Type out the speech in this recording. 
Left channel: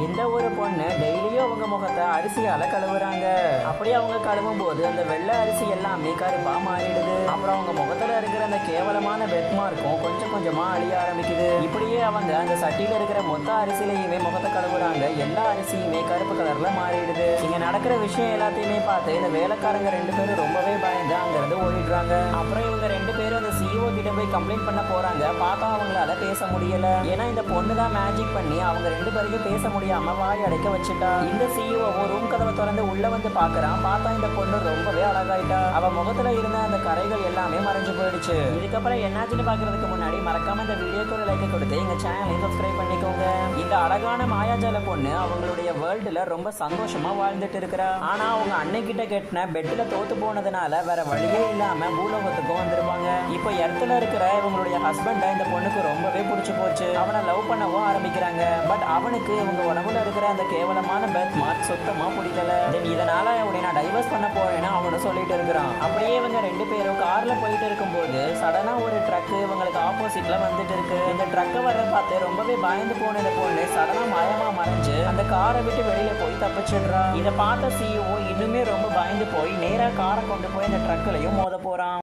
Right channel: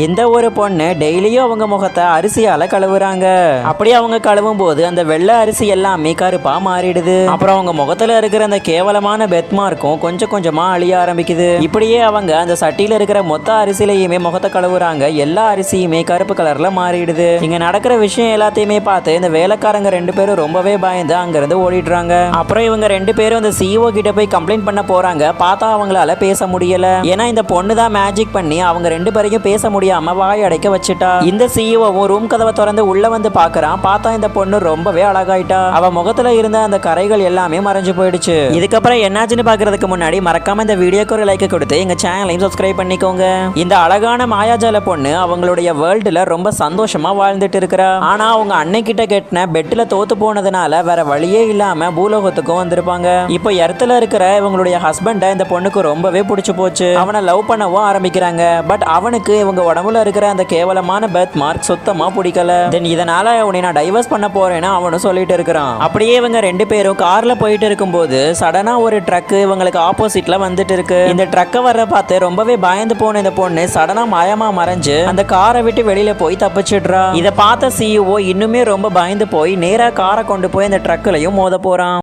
இந்த ஒரு பொண்ணு டெய்லியும் அவங்க முகத்தை அரிசியால கழுவுறாங்க. அப்படி அவங்க கழுவும் போது அந்த வெள்ளை அரிசி எல்லாமே கருப்பா மாறிடுது. அப்புறம் அவங்க முகத்துல இருக்கிற அந்த கேவலமான பெத் மார்க்கும் கொஞ்சம் கொஞ்சமா அழிய ஆரம்பிக்குது. இப்படியே அவங்க அந்த சட்டியில இருக்கிற மொத்த அரிசிலையுமே முகத்தை கழுவுறாங்க. எல்லா அரிசியுமே கருப்பு கலர்ல மாறிடுது. இங்க நடக்கிற விஷயம் எல்லாத்தையுமே பார்த்து இந்த வேலைக்காரங்க 2 பேரும் ரொம்பவே பயந்து அங்கிருந்து ஓடிடுறாங்க. அப்புறம் இவங்க 2 பேரும் அந்த சிஇஓ கிட்ட போய் கம்ப்ளைண்ட் பண்ண போறாங்க. பார்த்தா அவங்களால பேச முடியல. ஏன்னா இந்த பொண்ணு தான் மேஜிக் பண்ணி அவங்க 2 பேரையும் பேச முடியாம வாய் அடைக்க வச்சுட்டா. இந்த சிஇஓவும் ரூம் கதவை திறந்து உள்ள வந்து பாக்குறான். பார்த்தா இந்த பொண்ணு ரொம்பவே அழகாயிட்டா. அவ முகத்துல இருந்த அந்த கரைகள் எல்லாமே மறைஞ்சு போயிடுச்சு. இதுக்கப்புறம் என்னாச்சுன்னு பாக்குறதுக்கு முன்னாடி மறக்காம இந்த வீடியோக்கு ஒரு லைக் கொடுத்து எங்க சேனலையும் சப்ஸ்கிரைப் பண்ணிக்கோங்க. இந்த அழகான மாயாஜால பொண்ணு அவங்களுடைய வேர்ல்டுல ரொம்ப சந்தோஷமா வாழ்ந்துட்டு இருக்கிறா. ஆனா அவங்க அன்னைக்கிட்ட கெட்டின பெட்ல தோத்து போனதுனால வேற வழியே இல்லாம பூலோகத்துக்கும் வந்திருப்பாங்க. இப்போ எர்த்துல இருக்கிற இவங்களுடைய ஹஸ்பண்ட இந்த பொண்ணுக்கு ரொம்பவே பிடிச்சு போச்சு. அவனை லவ் பண்ணவும் ஆரம்பிக்கிறாங்க. பட் அவனுக்கு இவங்க உடம்புல இருக்கிற அந்த கேவலமான பெர்த் மார்க் சுத்தமா பிடிக்கல. தென் இதனால உன்னை நான் டைவர்ஸ் பண்ண போறேன்னு அவனும் சொல்லிட்டு இருக்கிறான். அப்படியே இவங்க 2 பேரும் கார்ல போயிட்டு இருக்கும்போது சடனா ஒரு ட்ரக் இவங்களுக்கு ஆப்போசிட்ல வந்துட்டு இருக்கு. இந்த ட்ரக்கை வர பார்த்து ரொம்பவே பயந்து போன இந்த பொண்ணு சடனா மாயமா மறைஞ்சு அந்த காரை விட்டு வெளியில போய் தப்பிச்சிடுறா. இதை பார்த்த சிஇஓ இன்னுமே ரொம்ப பயந்து போய் நேரா காரை கொண்டு போய் அந்த ட்ரக்லயும் மோத போறான்.